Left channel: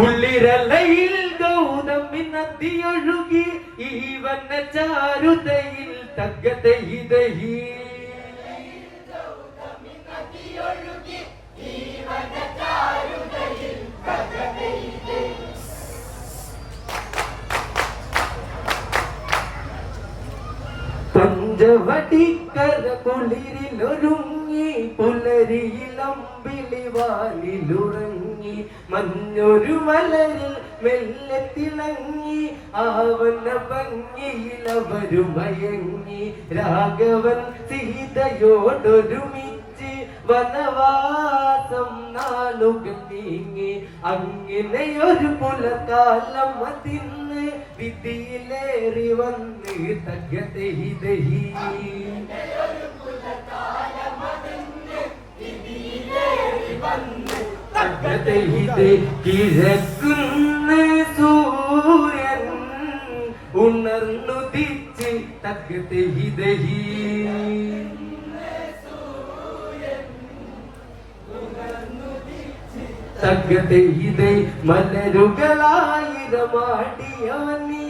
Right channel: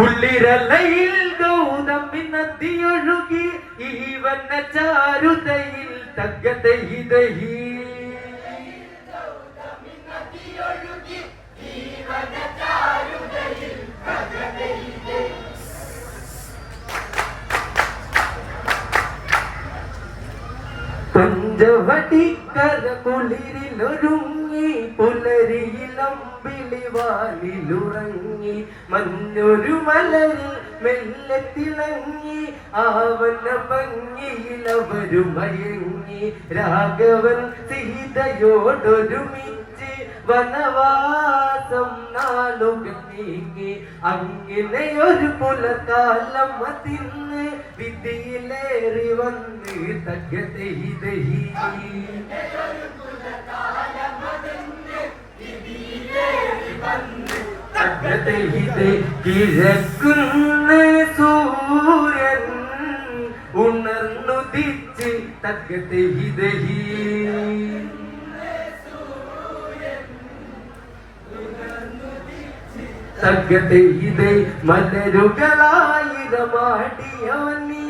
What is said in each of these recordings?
കുളിരലയിൽ ഗൗതമി നദിയൊഴുകി ഈവന്ന ചാരുതയിൽ തഗതൈതഹി വാലിലുറങ്ങി മഞ്ഞൊരു മലരിൽ മെല്ലെ തിളങ്ങി ആവന ഭംഗിയിൽ അവരു മയങ്ങി രാഘവൻ സീതയോടൊരുമിച്ച് വനവാസം നാളുകത്തിങ്ങി അങ്ങനെ ഒരു പുലകാലം അതിന്ന് വിധിയിലേറി വന്ന് തകതൈതഹി തകതൈതൈ കിഴക്കുന്ന സൂര്യൻ ഉണർന്നുദിച്ച് തകതൈതഹി തകതൈതൈ മലരുകളായിരമാടിയോനിൽ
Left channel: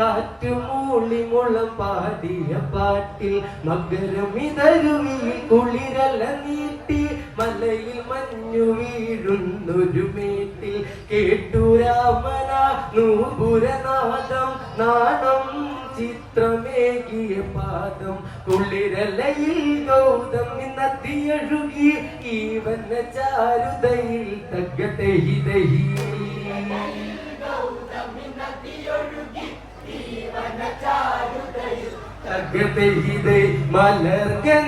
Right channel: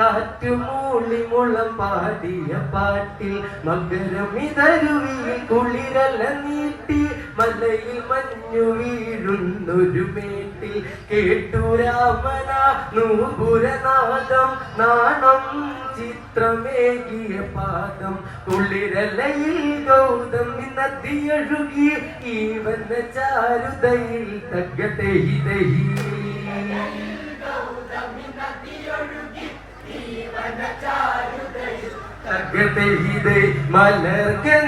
കാറ്റുമൂളി മുളം പാടിയ പാട്ടിൽ മകരമിതരുവിൽ കുളിരല നീട്ടി മലയിൽ മഞ്ഞു വീഴുന്നൊരു മേട്ടിൽ കേട്ടു രാമന നൂപുരനാദം. നാണം ചിത്രമേകിയ പാദം കുളിരലയിൽ ഗൗതം നദിയൊഴുകി ഈവന ചാരുതയിൽ തകതൈതഹി തകതൈതൈ മലർഗന്ധമേറ്റി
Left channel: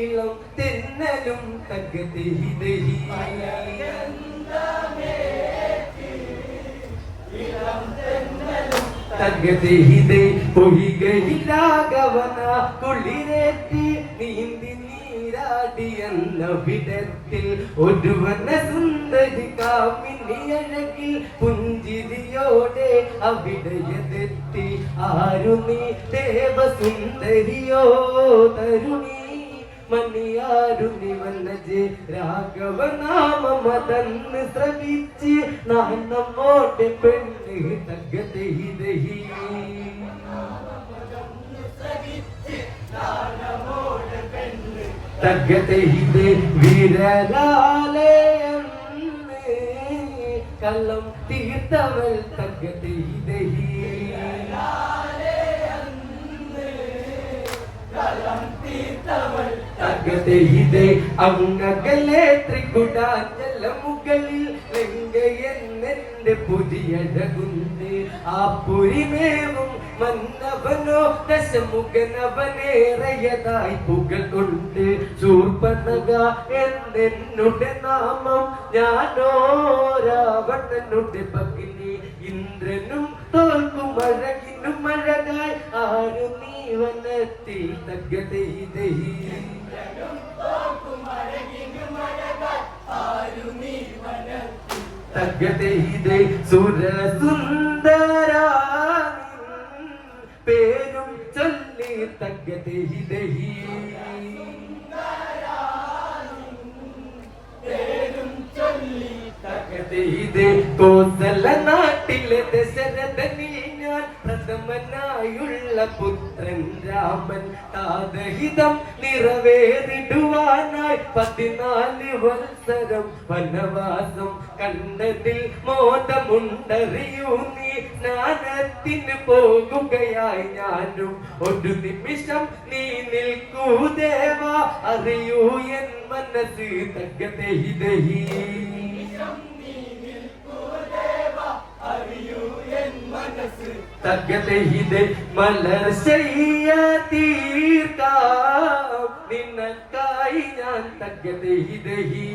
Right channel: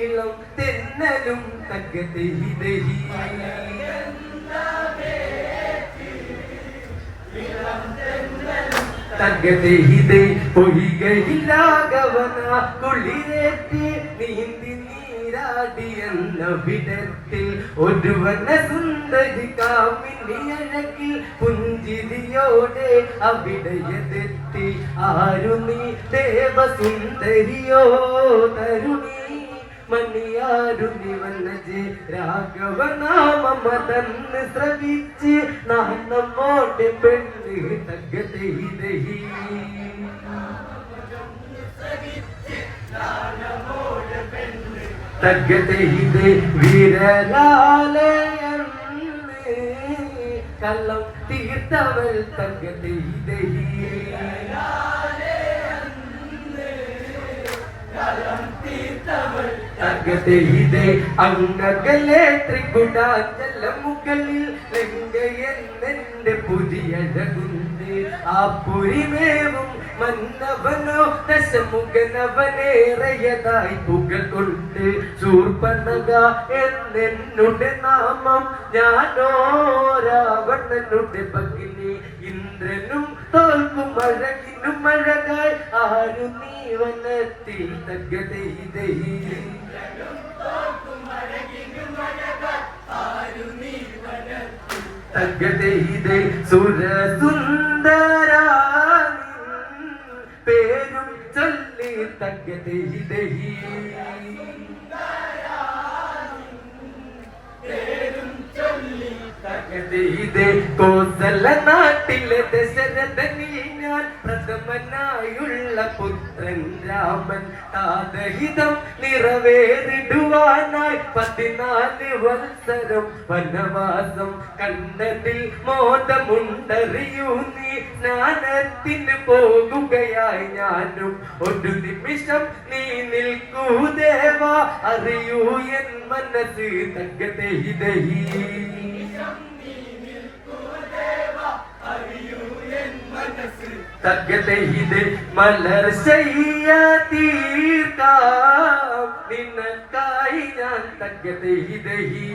ഇളം തെന്നലും തകതൈതഹി തകതൈതൈ പൊയ്കയിലാകവന നീരാടിയെന്ന വിധത്തിൽ ഒരുവന സുന്ദരി കാമിനിയഴകിൽ പുഞ്ചിരിയോടെ അവിടയതെത്തി ആരു നീ ദേവസുന്ദരിയോ തരുണി? മണിയാരുണി വന്നജെ രാഘവനാമതന്ന് ശ്രവിച്ച് നാം നമ്മോട്ട് പെണ്ണ് തകതൈതഹി തകതൈതേ വീരലാലയെന്ന് കള്ളം തീർത്തവൾ തകതൈതേ അങ്ങകലെ ത്രികുടാചല മുകളിൽ ലങ്കയെന്നെന്റെ പുതിയഴകുന്ന് ആ പുരിമേവും മന്നവനോ ദശമുഖനവനേറെയതായി പുകൾ കൊണ്ട് ശൂർപ്പനക എന്നെന്നുടെ നാമം ഞാനോ രാവണനുടെ പകിനി ഇന്ദ്രനും തോൽക്കും അഴകിനും അഴകായി ആരു നീവനത്തിൽ വനത്തിൽ തകതൈതൈ തകതൈതൈ സുരസുന്ദര പേരും ചൊല്ലി തകതൈതൈ തകതൈതൈ കോസല നാട്ടിലെ ദശരഥനിൽ ഞാൻ പ്രഥമനായുള്ള പുത്രൻ രാമൻ താതഹിതം നിറവേറിടുവാനായി പതിനാല് വത്സരം വനവാസം കണ്ടതിൽ മോദമുണ്ടറിയൂ നീ. സ്നാനത്തിന് പോകുകയായി ഞാനും. ഒരു നിമിഷം നീ നിൽക്കൂ ദേവ. അറിയൂ എൻ മനസ്സ് തകതഹിതഹി തകതഹിത് മലർ ശയ്യ തീർക്കാം. നിനക്കായി ഞാൻ തകതഹിതഹി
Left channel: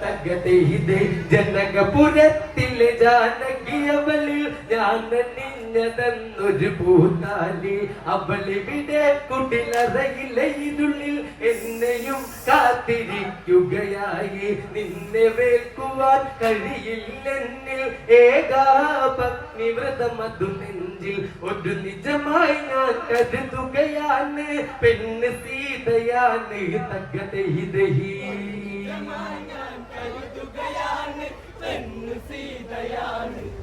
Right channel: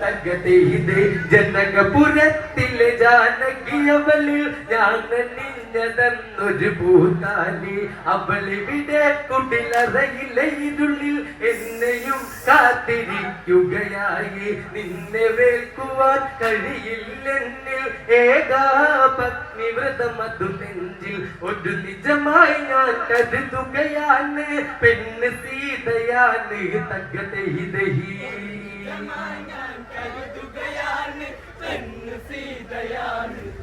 തകതഹിത് ജനകപുരത്തിൽ ജാനകിയവളിൽ ഞാൻ നിന്നെ അണഞ്ഞതെന്നൊരു പൂത്താലി അവളിവിടെ കുടിലറയിലെ ഇരുളിൽ എന്നെയും കാത്തിരിക്കുകയായി. നിന്നെ വേൽക്കുവാൻ കഴിയില്ലെന്നിൽ ഏകാപത്നി വ്രതമതു നെഞ്ചിൽ ഒരു നിജമായി ഞാൻ കരുതുകയാണ്. പെണ്ണ് സീതയാണ് തകതഹി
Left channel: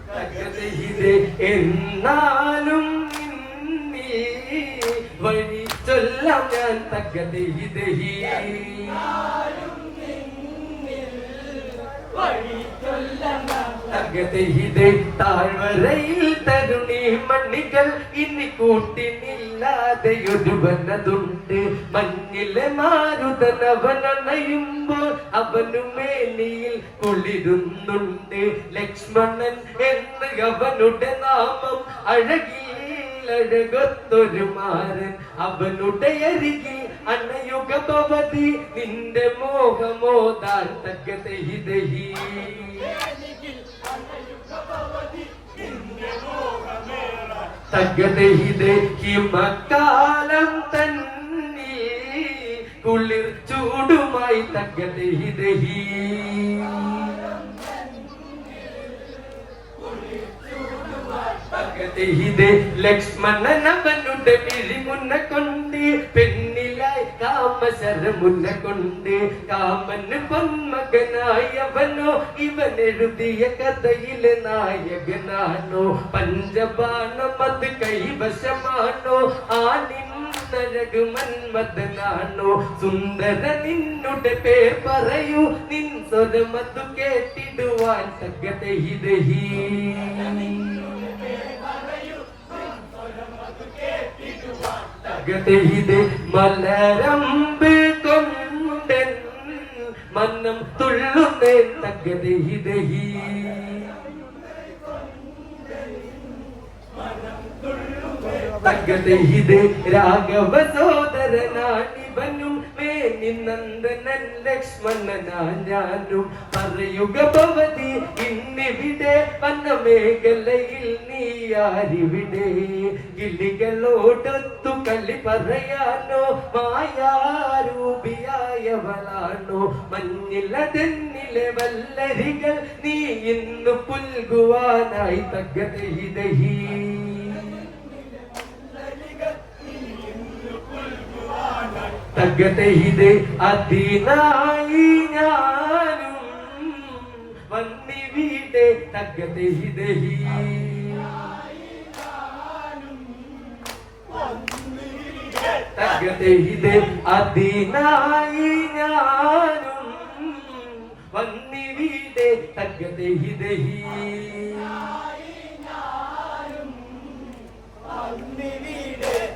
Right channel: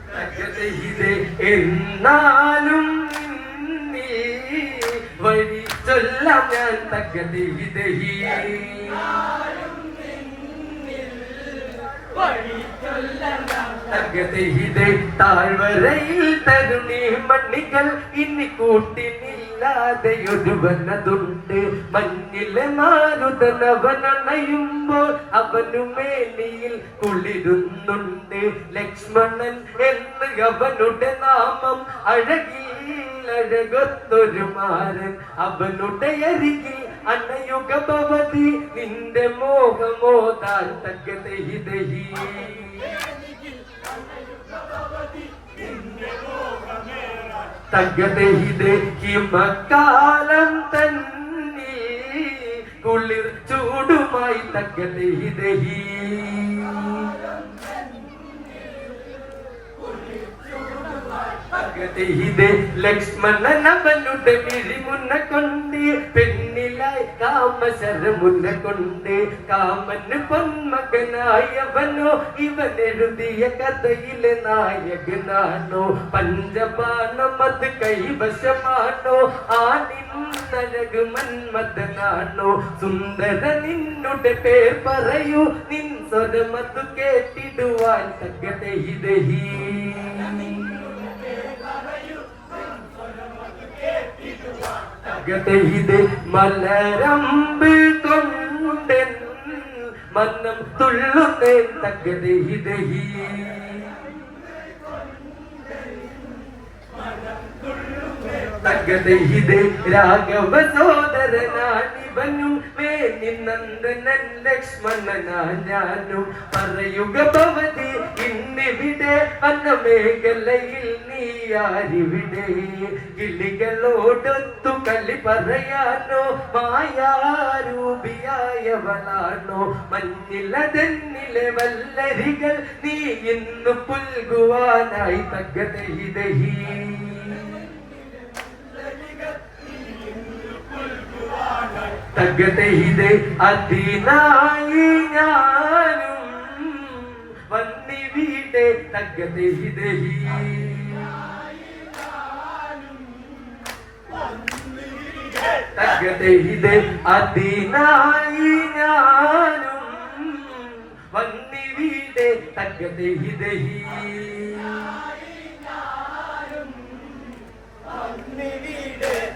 തകതഹിതേ എന്നാലും നിന്നിൽ വഴി ചൊല്ലാം ഞാൻ തകതഹിതഹി തകതഹിതേ താഴ്വരയിൽ തരുണി മണ്ണികൾ ഇനി കൂട്ടിനില്ലാതെ ഒരുവനതുണ്ട് മഞ്ഞിലെ മാരുതനവനണയുമ്പോൾ അവനു മേലിയിൽ കുളിരുന്നുണ്ട് ലക്ഷ്മണൻ എന്ന് അവനുടെ നാമം അഴകിൽ അഴകത്തൊരു മാരൻ. അവനുടെ അരികിൽ അണയുക ഭവതി നിന്റെ തക്ക ദഹി ദഹി മക്കാലം തന്നെ ചൂടുമായി തകതഹിതഹി തകതഹിതേ ലക്ഷ്മണൻ അവനുടെ പിരിമുന്ന കൊണ്ട് പെണ്ണിലായി കാമശരമുന്ന കൊണ്ട്. കാമന് പൊന്മകനായവനോ ഇവൻ എഴുതിയ കഥയിലെ നായകനാണോ? പഞ്ചപാനം അത് കൈവശമാണോ? ആനി മന്മഥനാണോ? സുന്ദര നിന്നുടെ പേർ പറയൂ. നിൻ സ്വരമതു കേട്ടിടുവാൻ തകതഹിതഹി തകതഹിത് മലരമ്പ് കൊണ്ടെൻ മന്നം തുള്ളുന്നേ തകതഹിതഹി തകതഹിത് രാഘവ സോദരനാണിവനും വേണി നന്ദനൻ ലക്ഷ്മണനാ ഞാനും പറയുക ഭവതി ഇന്നിവിടെ വന്ന മേഖലയിൽ നീ ആരിവിടെ കിളികളോടൊത്തു കളി പറയാനോ മായാരൂപിയായവളാണോ. മഞ്ഞിലതെന്നിലെ വല്ലരികൾ നീ ഇന്ന് പുൽകുവാനായി തകതഹിതഹി തകതഹിത് അതിനായി ഞാനും വന്നിവിടെ. തകതഹിതഹി തകതഹിത് അതിനായി ഞാനും വന്നിവിടെ. തകതഹിതഹി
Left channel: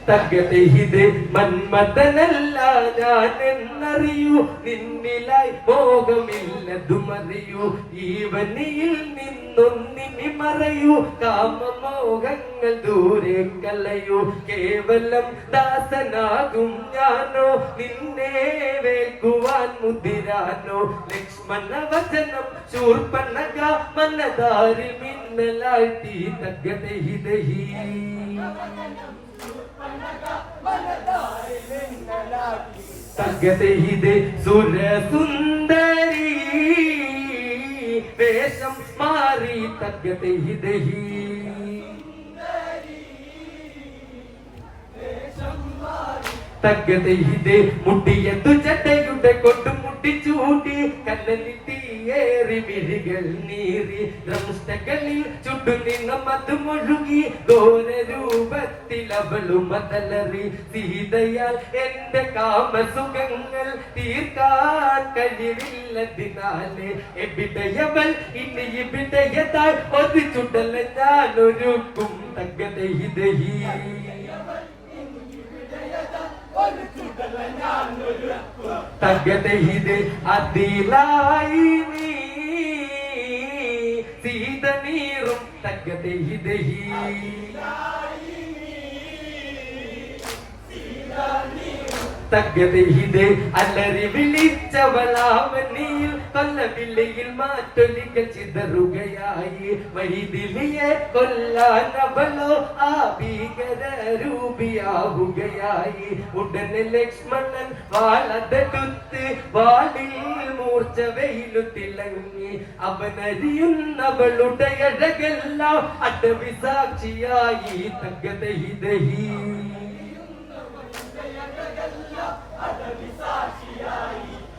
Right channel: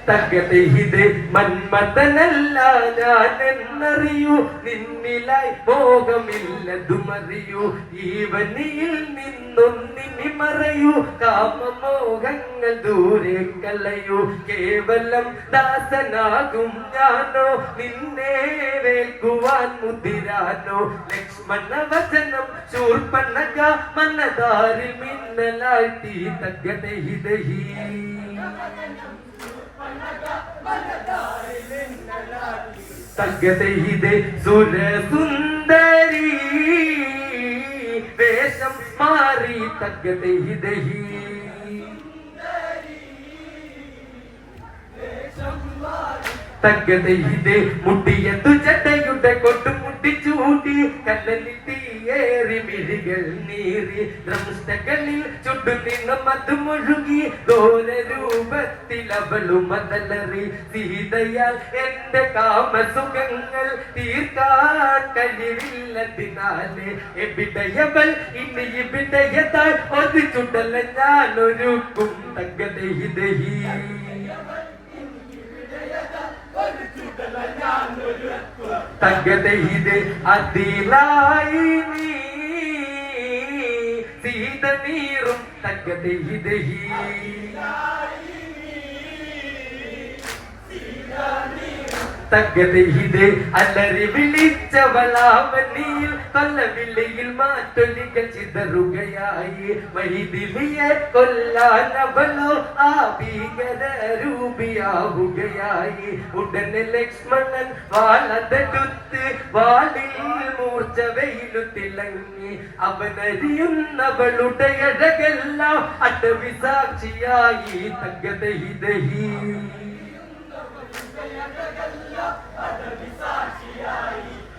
തകതഹിത് മന്മഥനല്ല ഞാനെന്നറിയൂ നിന്നിലായി ഭോഗമില്ലതുമറിയൂ ഈവനിയിൽ നിന്നൊന്നിനി മറയൂ. കാമമോഹങ്ങൾ ദൂരെ കല്ലയോ കേവലം ദാസനാകും ഞാനോ? നിന്നെ വേൽക്കുവാൻ മുതിരാനോ? ലക്ഷ്മണ വചനം ശൂർപ്പണക മനതാരി മിന്നലാഴ്ത്തി തകതഹിതഹി തകതഹിത് സുരസുന്ദരി. വേഷം മാറി തകതഹിതഹി തകതഹിത് മുട്ടിയതു ചട്ടയുടെ കൊട്ടും മുട്ടിച്ചൂട്ടി കല്ലലിൽ തീയേറി മിഴികൾ നീറി ദ്രംഷ്ടകളിൽ ചുട്ടു നിന്നും അത് മുഴുകി ദൂര രൂപത്തിൽ അവളും മതലറി. സീതയാൽ എന്റെ കാമസുഖങ്ങൾ തീർക്കാൻ കഴിവില്ലതിനാലെ എവിടെയവൾ ഇനി ഇവിടെയതാൽ ഒരു ചുടല ഞാനൊരുക്കും തകതഹിതഹി തകതഹിത് അതിലായി നീ. സീത നീറും തകതഹിതഹി തകതയിത് അലറി വിളിച്ചവളാമനിയിൽ കൊല്ലവില്ലയിൽ മാറ്റൊലികൾ ചിതറുകയായി. മഹിദിലിയെ കൊല്ലാനവലോ ആ രൂപിയാവുകയായി ഉടനെ ലക്ഷ്മണൻ വാളതെടുത്ത് വാളിൽ മൂർച്ച വെയിലു തിളങ്ങി അവനറിയുന്നവളുടെ അഴകെല്ലാം അടവി സാക്ഷിയായി തകതയിതഹി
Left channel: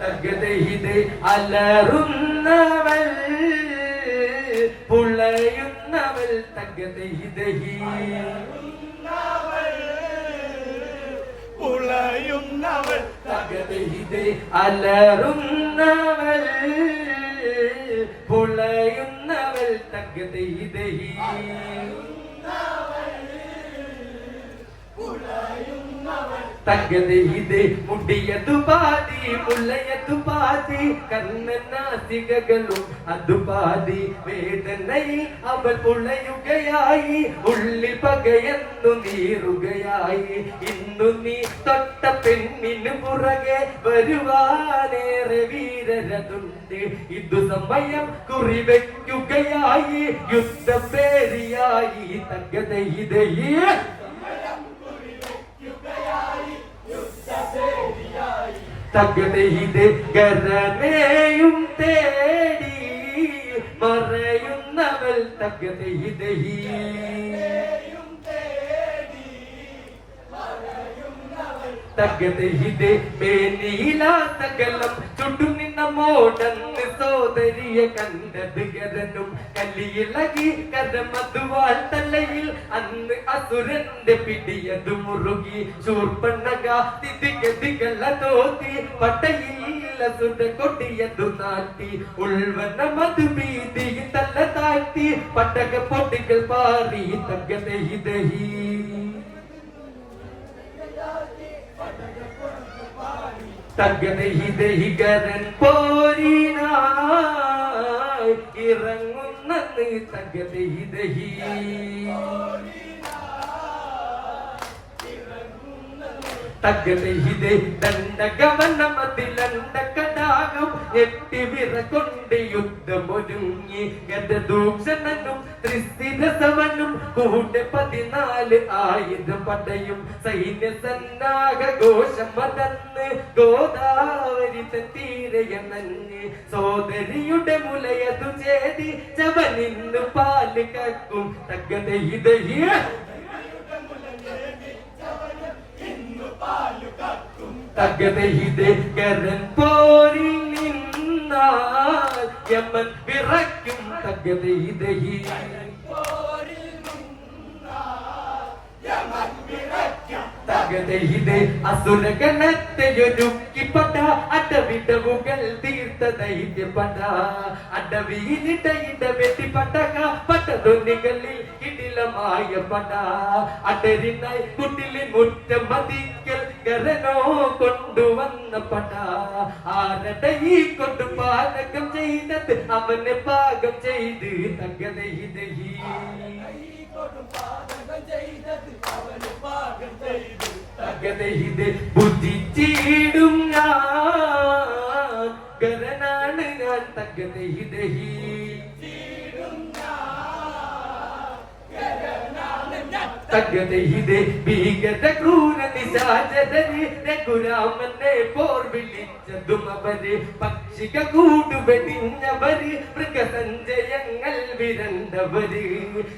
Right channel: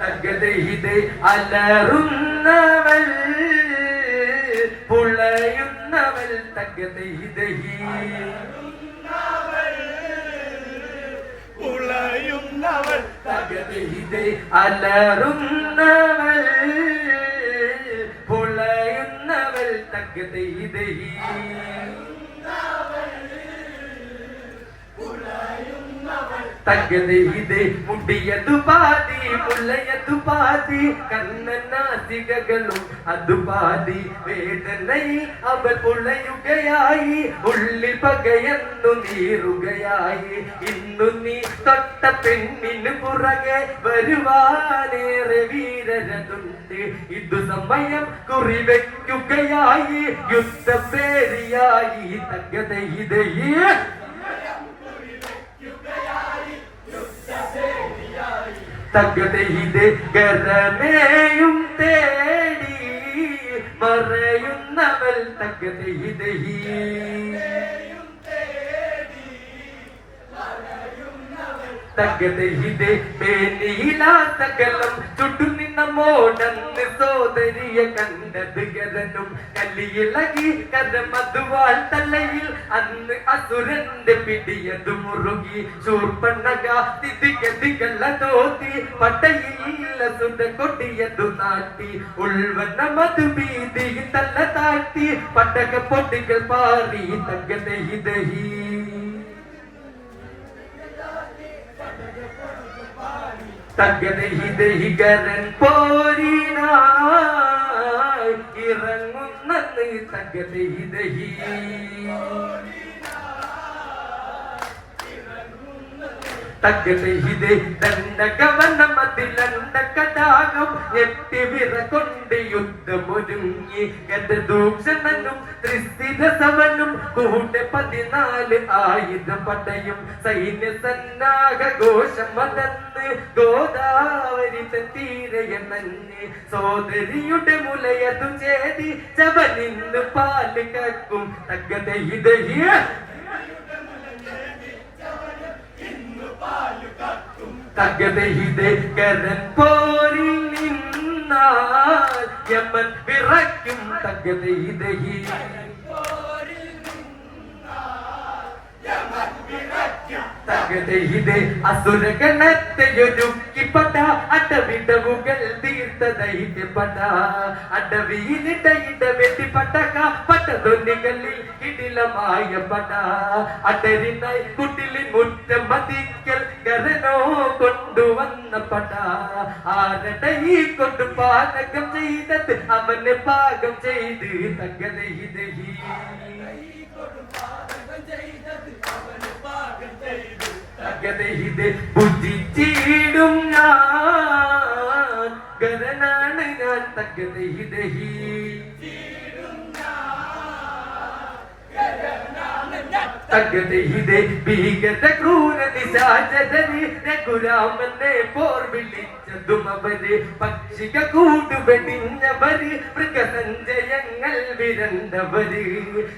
തകതയിത് അലറുന്നവൾ പുളയുന്നവൾ തകതയിതഹി പുളയുന്നവൾ തകതയിത് അലറുന്നവൾ. പുളയുന്നവൾ തകതയിതഹി തകതയിത് മുടിയതു പാതി മുല്ലയതു പാതി. കണ്ണനാസികകളും അതു പാതി. വേദനയിൽ അവൾ പുള്ളയുകയായി ഉള്ളിൽ പകയെന്നു നീറുകയായി. ഇന്നു നീ പെണ്ണിന് പുറകെ വരുവാനേറെ വീരരതുണ്ട് ഇതു സമയം കുറിവെക്കുകയായി യുദ്ധപേരിയായി തകതയിതയെ തകതയിത് ഗരമേയും തേടി പറയുന്നവൽ തകതയിതഹി തകതയിത് മേനീലാസകലം ചുട്ടു നിന്ന മോടന്ന് സോദരിയ കണ്ടത് ഗതനും കല്ലിയിളകി കഥ മധുവാൾ തലയിൽ അന്ന് അസുരന്റെ പിടിയതു മുറുകി ചൂർപ്പണ്ണക പട്ടയിൽ തോത്തി പട്ടയില്ല സുത കൊടിയതു നാട്ടി ഉൾവന മധുഭീതി തല്ല താട്ടി പട്ടക പൊട്ടികൾ പാറി തകതയിതഹി തകതഹിതഹികരൻ പോരിനായി ഇറങ്ങുന്നത് ദണ്ഡകവനമതിലണ്ട കടാകം എട്ടി വിറകൊണ്ട് യുദ്ധമൊരുങ്ങി ഗതദൂഷണനും ത്രിസ്ഥിരസവനും കൂടെ പതിനാല് ആയുധം സൈന്യ സന്നാഹ ഘോഷം വതന്ന് ഗോദാവരി തീരയണഞ്ഞ് സോദരിയുടെ മുലയതു ചേതി ചവനിന്ന് പാൽ കക്കും. തകതഹിതഹിയ തകതഹിത് കരൻ പോരിൽ നിന്നാൽ യമൻ വിറയ്ക്കും തകതഹിത് അസുരഗണത്തെയൊരുക്കിപ്പട അടവിടവുകൾ തീർത്ത ദൈത്യപട അടവിയിലിട ഇട വെട്ടിപ്പട്ടക പട്ടതൊന്നികളിൽ ഇടിലമായ പട അടരിനായി കുട്ടിലിൻ മുറ്റം മതിക്കൽ ഗരനോ പട ആരുടെ ഈ കൊണ്ട് പാചകം ചെയ്തത് അവനെ പാകം ചെയ്ത് തകതഹിതഹി തകതഹിത് ബുദ്ധിച്ചിടും ഞാൻ ഗരനാണ് ഞാൻ തകതഹിതഹി തകതഹിത് ഭീകര ക്രൂര നിശാചരി രഘുരാമനെ പോർ വിളിച്ചതും അവർ. പക്ഷിക കൂടുവെടിഞ്ഞവര് മൃഗസഞ്ചയങ്ങൾ വിരണ്ടവര്.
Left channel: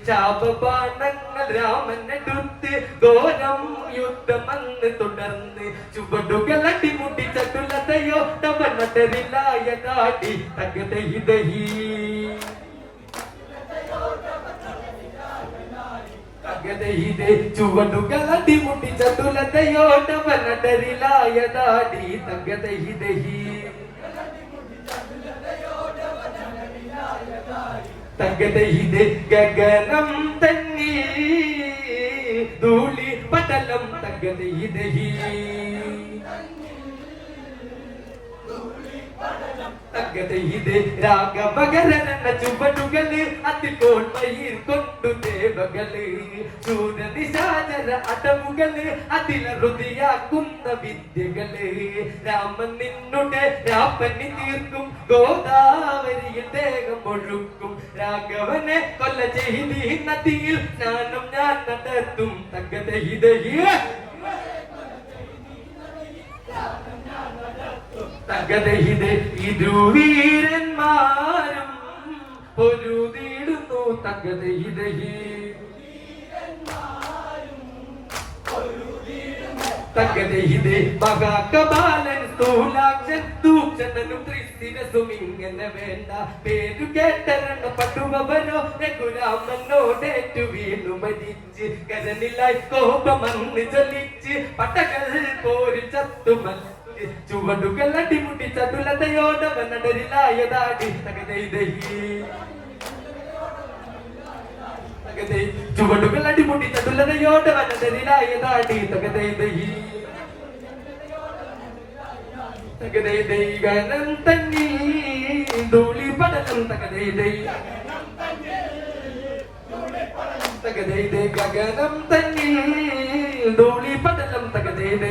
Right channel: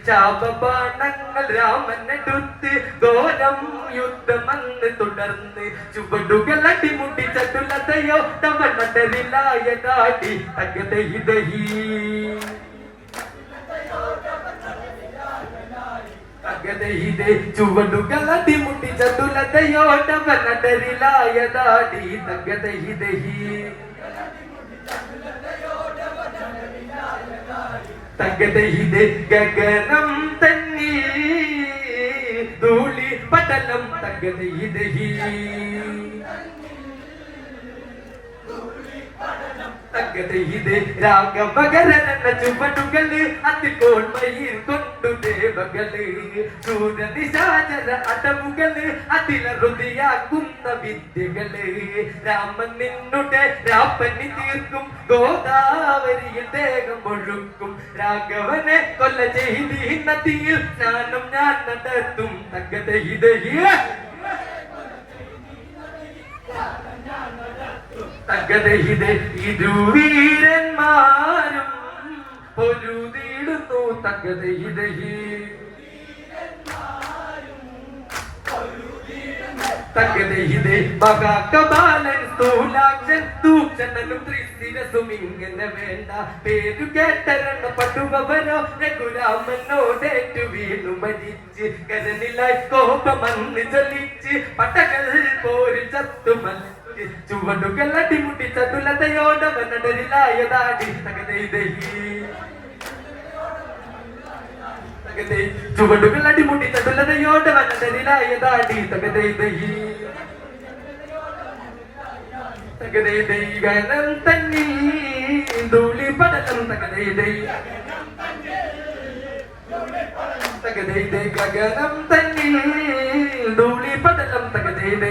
ശാപബാണങ്ങൾ രാമനെടുത്ത് ഘോരം യുദ്ധമെന്ന് തുടർന്ന് ചുവടുകൾ അടിമുട്ടി ചതുലതയോ തവനടരിലായ കാട്ടി. തകതഹിതഹി തകതയിതെ ചുവടുകൾ അടിമുട്ടി ചതുലതയോടവനടരിലായ ദാടി തകതയിതഹി തകതയിതെ ഗഗനം തന്നി. ധൂളി പടലം. തകതയിതഹി തക തകതയിത് രാഗപകരന ചുവടുകൾ അതിപ്പോൾ മയിൽ കൊണ്ടു ദേവകൾ ശൂരദിശാചര അടവുകൾ അതിലറുതിയാക്കുന്ന വിദ്യകൾ രാമൻ നിന്നുടെ രാപ്പനി തീർക്കും ഗോദാവരിയിൽ ദേഹം ഒഴുക്കും രാഘവനെ കൊല്ല ചെയ്തി നദിയിൽ സ്നാനം ഞാൻ നടത്തും തകതയിതഹിയ തകതയിത് ഇരുവീരന്മാരും പൊരുതിടുന്നു തകതയിതഹി തകതയിത് മഹാകപാലൻ സ്ഥൂലാക്ഷൻ തൂക്ഷണനും ത്രിശിരസും ഇങ്ങനെ വേണ്ട. പേരു കേട്ടരണ പട്ടുവരോ രഘുരാമനോടേറ്റു വീണു മരിച്ച്. കരനിലായി കോപമന്ന് ചലിച്ച് പട്ടകൾ പോരിൽ ചത്തുമ ചുവടുകൾ അടിമുട്ടി ചതുലതയോടവനടരിലായതാടി തകതൈതഹി ചുവടുകൾ അടിമുട്ടി ചതുലതയോടവനടരിലായതാടി തകതൈതഹി തകതൈതൈ ഗനം തന്നിൽ ധൂളി പടലം തകതൈതൈ തകതൈതൈ ഗഗനം തന്നിൽ ധൂളി പടലം തകതീത്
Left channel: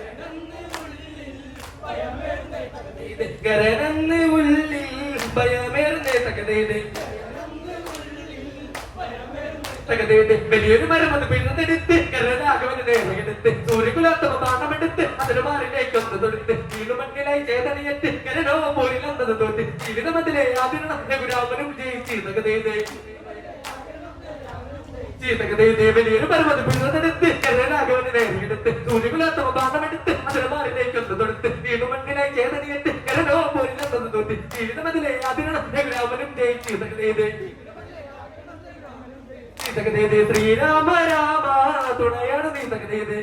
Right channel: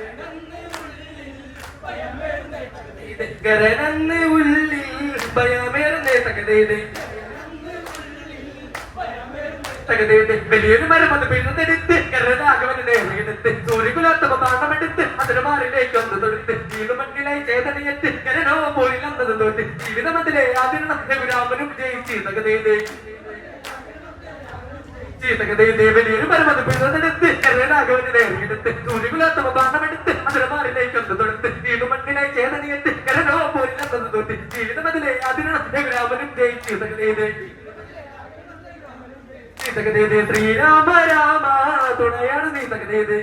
കരനന്ന് ഉള്ളിൽ ഭയമേറുന്നേ തകതീത് തകതീത് വലിയൊരു മരം അത് പിഴുതെടുത്ത് കരനാഗവനെ എടുത്ത് സൂര്യകുലോത്തമ താണ്ണമെടുത്ത് അതിന് മാറിലേക്ക് ഒന്ന് തൊടുത്ത് വീടുമണ്ണിലെ ചേതനയത്ത് കരനോ പോയില്ലെന്നത് തോന്നി ജീവിതമതിലെ ആദിരണം രഘുരാമനും ജയിച്ച് തകതീത് ചീത്തകതയുടെ വലിയൊരു പരമത് പിഴുതെടുത്ത് കരനാഗവനെ താണ്ണമെടുത്ത് അതിന് മാറിലേക്ക് ഒന്ന് തൊടുത്ത് വീടുമണ്ണിലെ ചേതനയത്ത് കരനോ പോയില്ലെന്നത് തോന്നി ജീവിതമതിലെ ആദിരണം രഘുരാമനും ജയിച്ച് തകതീത് ശ്രീരാമ രാമ തുണയാണ് നീ തകതേത്